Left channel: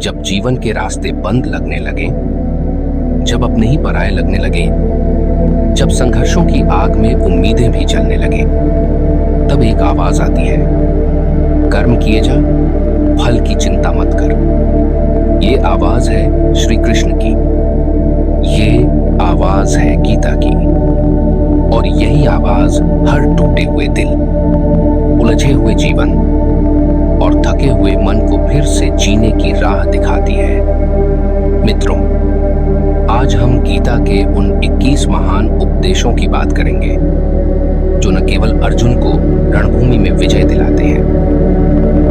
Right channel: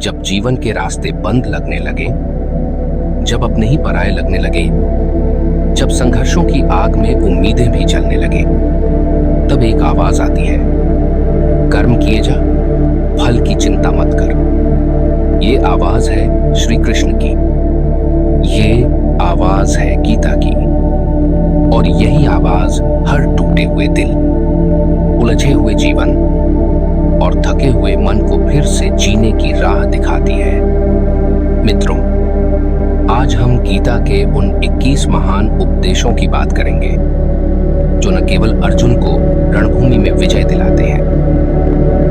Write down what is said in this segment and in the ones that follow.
जब जीवन के रास्ते बंद लगने लगे, जब अपने ही पराये लगने लगे, जब संघर्षों की आग में उम्मीदें भी जलने लगे, तब एक आवाज आती है, कर्म किए जा, फल की चिंता मत कर। ये आवाज है श्री कृष्ण की, ये आवाज है गीता की। और यही आवाज हर टूटे हुए दिल, उलझे हुए जीवन और थके हुए मन को फिर से जीने की राह दिखाती है। मित्रों, आज हम गीता के उन 21 महान उपदेशों की बात करेंगे जो न केवल अर्जुन को रणभूमि में विजय दिलाते हैं,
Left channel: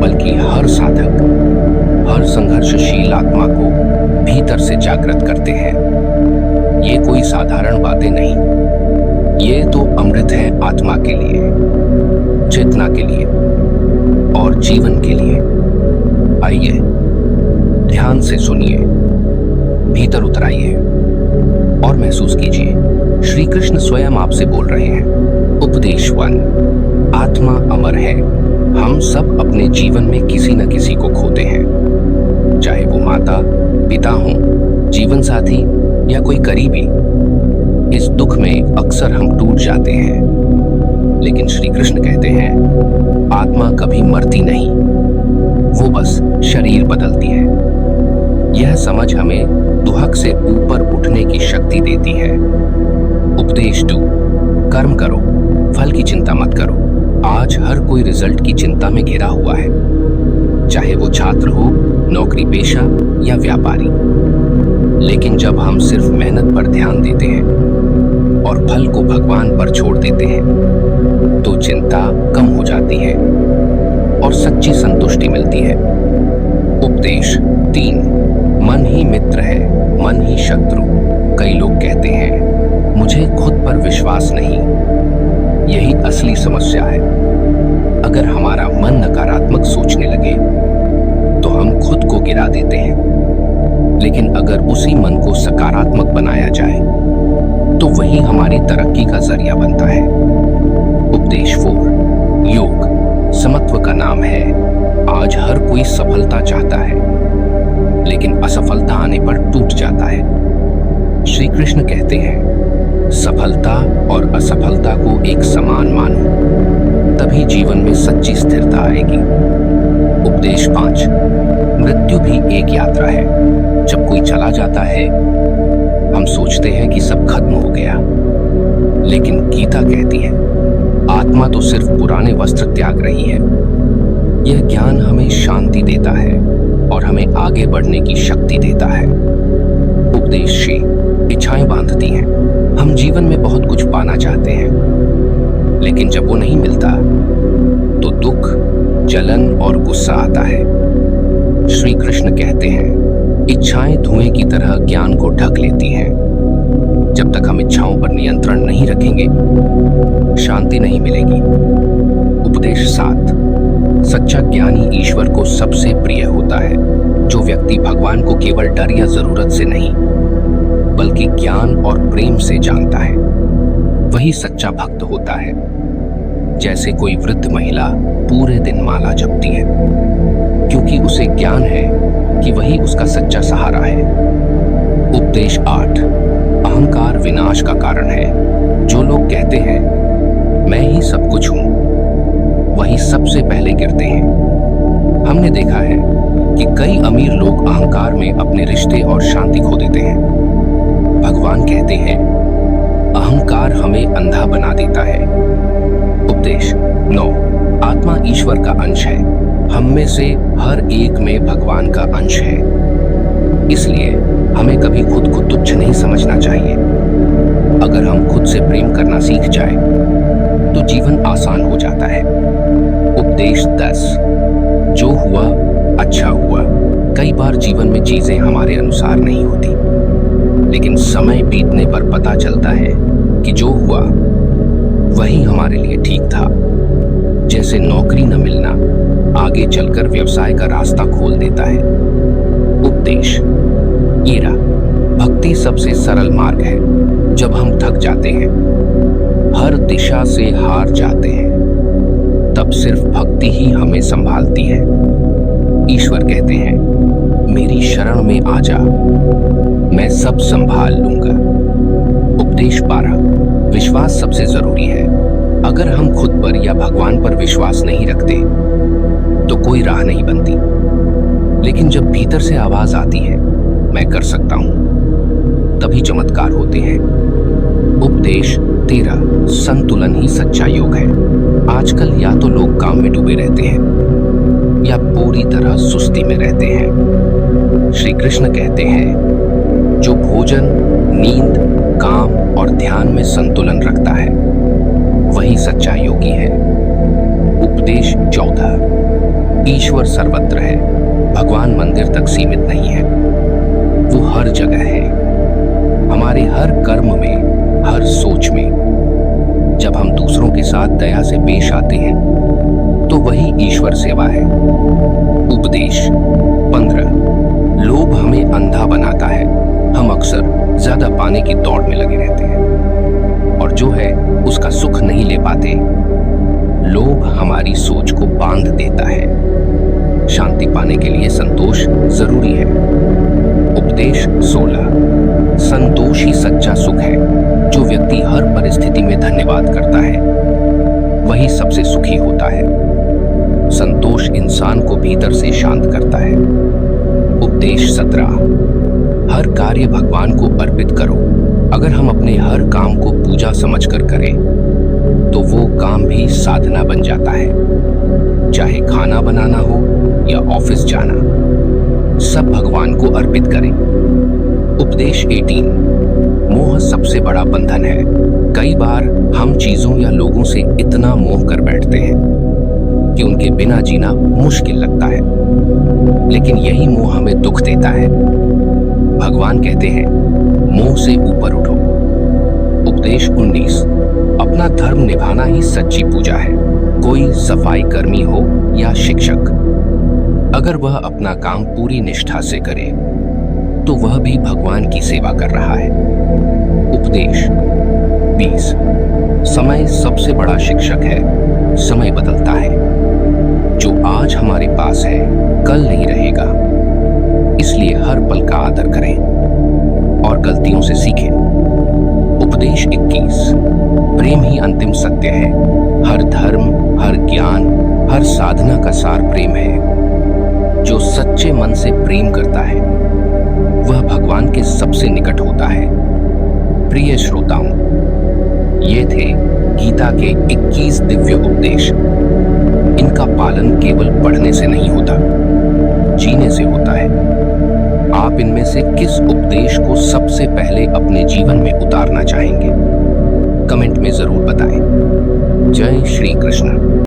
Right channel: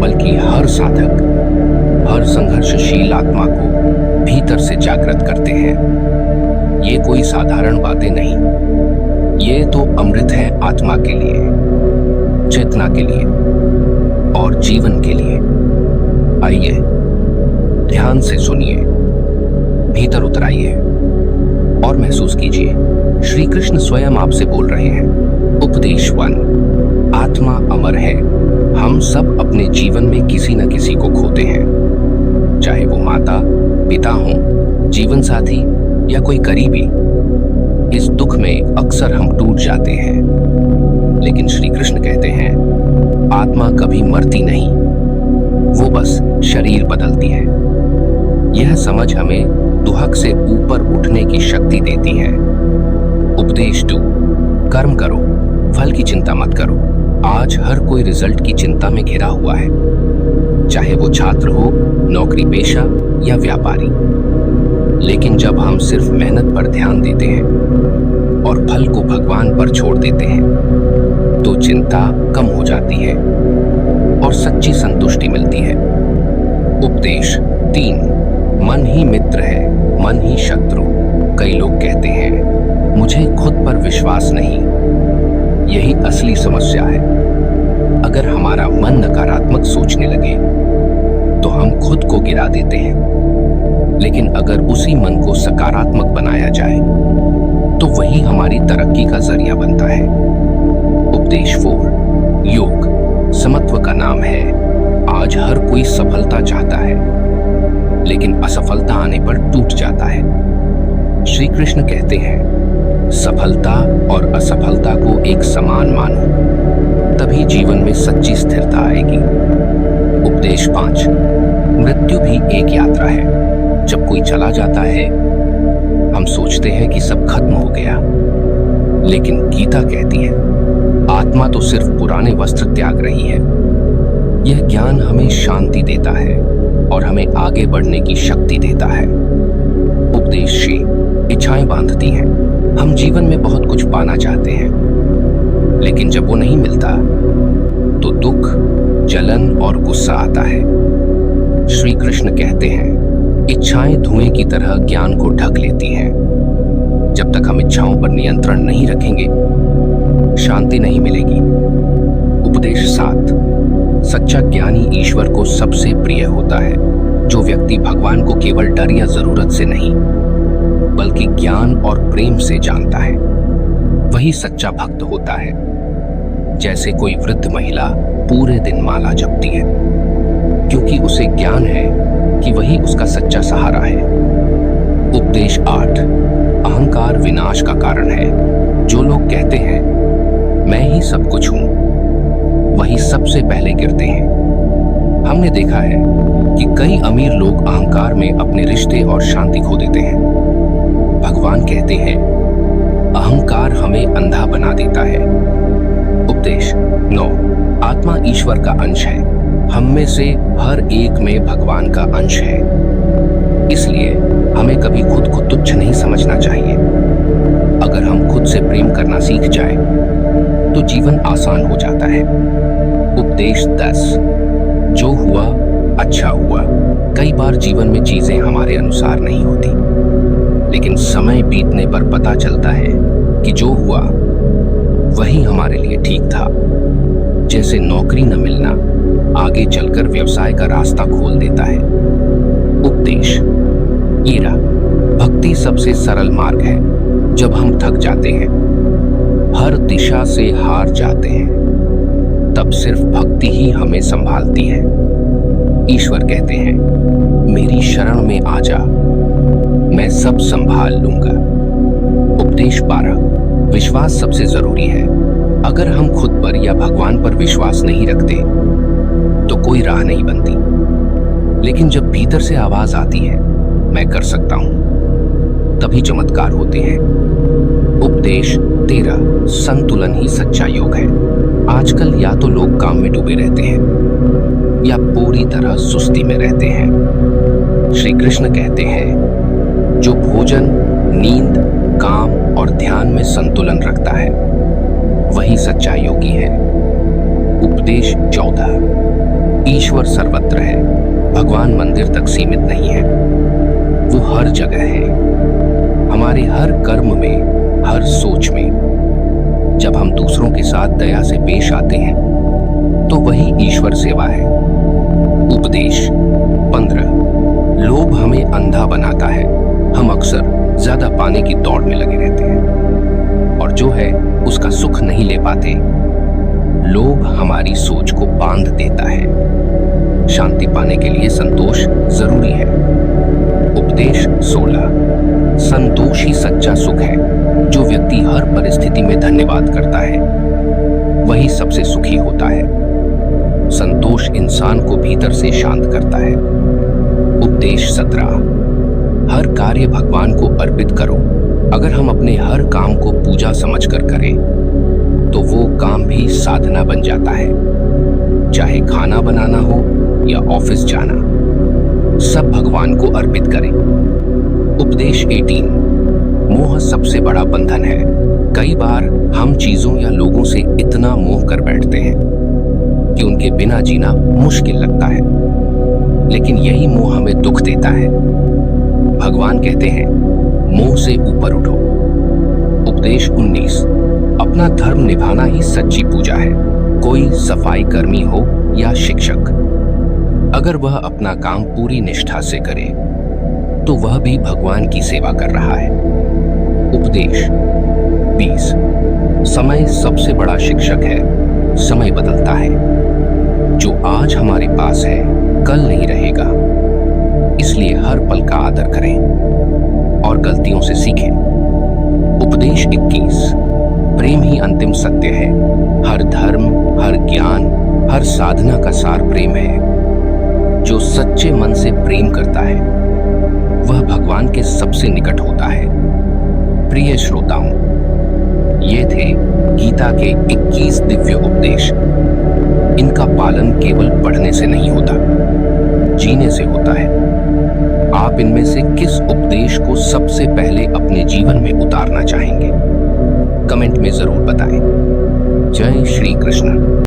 बल्कि हर साधक, हर संघर्षशील आत्मा को भीतर से जागृत करते हैं। ये कोई साधारण बातें नहीं, ये तो अमृत है आत्मा के लिए, चेतना के लिए और जीवन के लिए। आइए ध्यान से सुनिए, भीतर उतराइए और महसूस कीजिए। श्री कृष्ण स्वयं आपसे बोल रहे हैं। उपदेश 1। आत्मा अमर है। हम सब अपने जीवन में किसी न किसी को खोते हैं, चाहे वो माता, पिता हो, जीवन साथी या कोई करीबी। इस दुख में अक्सर हम टूट जाते हैं, लेकिन श्री कृष्ण कहते हैं, आत्मा कभी मरती नहीं, वो बस शरीर बदलती है। यह समझ हमें दुहक से ऊपर उठने की शक्ति देती है। उपदेश 2। कर्म करो, फल की चिंता मत करो। आज हर कोई रिजल्ट की चिंता में घिरा हुआ है, चाहे वो छात्र हो, नौकरी पेशा या व्यापारी। लेकिन जब हम सिर्फ मेहनत पर ध्यान देते हैं और फल को भगवान पर छोड़ देते हैं, तो चिंता कम हो जाती है और सच्ची संतुष्टि मिलती है। उपदेश 3। मन ही मित्र है, मन ही शत्रु। कई लोग कहते हैं, मुझे खुद पर विश्वास नहीं। यही असली समस्या है। अगर हमारा मन नकारात्मक सोचने लगे तो हम खुद को गिरा देते हैं, लेकिन अगर उसी मन को सकारात्मक बनाया जाए तो वही हमारी तरक्की का जरिया बनता है। उपदेश 4। योग समत्व का नाम है। आज हर कोई सफलता चाहता है, लेकिन असफलता आने पर टूट जाता है। श्री कृष्ण कहते हैं, सफलता और असफलता को एक समान मानो, तभी जीवन में सच्ची स्थिरता आएगी। उपदेश 5। मृत्यु भी एक यात्रा है। जब कोई चला जाता है, हम सोचते हैं कि सब खत्म हो गया, लेकिन गीता कहती है, आत्मा तो सिर्फ पुराने वस्त्र त्याग रही है। यह ज्ञान हमें शांति देता है और हमें आगे बढ़ने की शक्ति देता है। उपदेश 6। इच्छाएं बांधती हैं। हम जीवन में बहुत कुछ पाना चाहते हैं, लेकिन जब वो नहीं मिलता तो दुख, जलन और गुस्सा आता है। श्री कृष्ण कहते हैं, इच्छाएं धुएं की तरह ज्ञान को ढक लेती हैं। जब तक हम इच्छाओं पर नियंत्रण नहीं रखेंगे, शांति नहीं मिलेगी। उपदेश 7। सच्चा ज्ञानी ईश्वर को सबसे प्रिय होता है। जो व्यक्ति भगवान को केवल डर या जरूरत से नहीं, बल्कि ज्ञान और प्रेम से जानता है, वही सच्चा भक्त होता है। जैसे कोई वृद्ध महिला पूरे दिन माला जपती है, क्योंकि उसे ज्ञान है कि वही उसका सच्चा सहारा है। उपदेश 8। अहंकार विनाश का कारण है। जो लोग कहते हैं, मैं ही सब कुछ हूं, वही सबसे पहले गिरते हैं। हमने देखा है कि कई अमीर लोग अहंकार में अपने रिश्ते और शांति खो देते हैं। भगवान कहते हैं, अहंकार हमें अंधा बना देता है। उपदेश 9। आत्मा ईश्वर का अंश है। हम में से हर एक में भगवान का अंश है। इसलिए हमें कभी खुद को तुच्छ नहीं समझना चाहिए। अगर हम खुद से प्रेम करना सीख जाए तो जीवन आसान हो जाता है। उपदेश 10। जो हुआ अच्छा हुआ। कई बार जीवन में चीजें हमारे अनुसार नहीं होती, लेकिन समय बीतने पर पता चलता है कि जो हुआ वही हमारे लिए ठीक था। जैसे नौकरी न मिलना आगे चलकर व्यवसाय का रास्ता खोल देता है। उपदेश 13। भक्ति सबसे सरल मार्ग है। जब हम थक जाते हैं, हर दिशा से हार जाते हैं, तब सिर्फ भक्ति ही हमें संभालती है। ईश्वर कहते हैं, मेरी शरण में आ जा, मैं सब संभाल लूंगा। उपदेश 12। विश्वास सबसे जरूरी है। अगर हम खुद पर या भगवान पर विश्वास नहीं रखते तो कोई राह नहीं बनती। लेकिन जब भीतर से आवाज आती है, मैं कर सकता हूं, तभी चमत्कार होते हैं। उपदेश 13। संतुलन ही सच्चा योग है। आजकल या तो लोग काम में डूबे रहते हैं या पूरी तरह सुस्ती में रहते हैं। श्री कृष्ण कहते हैं, जो भोजन, नींद, काम और ध्यान में संतुलन रखता है वही सच्चा योगी है। उपदेश 14। ईश्वर सर्वत्र है, भगवान मंदिर तक सीमित नहीं है, वो हर जगह है। हमारे हर कर्म में, हर सोच में। जब हम दूसरों के साथ दया से पेश आते हैं तो वही ईश्वर सेवा है। उपदेश 15। लोभ हमें अंधा बनाता है। हम अक्सर ज्यादा पाने की दौड़ में लगे रहते हैं और जो है उसका सुख नहीं ले पाते। लोभ हमारी सोच को बांध देता है। शांति पाने के लिए संतोष जरूरी है। उपदेश 16। संतोष ही सच्चा सुख है। जो व्यक्ति हर परिस्थिति में धन्यवाद करता है वही सबसे सुखी होता है। संतोष इंसान को भीतर से शांत करता है। उपदेश 17। हर कार्य भगवान को अर्पित करो। अगर हम अपने हर काम को पूजा समझकर करें तो वो काम भी साधना बन जाता है। चाहे खाना बनाना हो या ऑफिस जाना, सब भगवान को अर्पित करें। उपदेश 18। मोह सबसे बड़ा बंधन है। कई बार हम चीजों या लोगों से इतना मोह कर बैठते हैं कि उनके बिना जीना मुश्किल लगता है, लेकिन यही मोह हमें दुख देता है। भगवान कहते हैं, मोह से ऊपर उठो। उपदेश 19। अपना धर्म निभाना ही सच्ची पूजा है। कोई सफाई कर्मी हो या शिक्षक, अगर वह अपना काम पूरी निष्ठा से करे तो वह भी भगवान की सेवा कर रहा है। उपदेश 20। समय सबसे बड़ा शिक्षक है। समय बदलता है। जो आज हमारे पास है कल नहीं रहेगा, इसलिए हर पल का आदर करें और गलतियों से सीखें। उपदेश 21। प्रेम ही अंतिम सत्य है। हर धर्म, हर ज्ञान, हर साधना का सार प्रेम है। जो सच्चे मन से प्रेम करता है वह भगवान के सबसे निकट होता है। प्रिय श्रोताओं, ये थे गीता के 21 दिव्य उपदेश। इनका पालन केवल पढ़ने से नहीं होता, जीने से होता है। आप इनमें से किस उपदेश को सबसे पहले अपने जीवन में उतारना चाहेंगे? कमेंट में जरूर बताएं। जय श्री कृष्ण।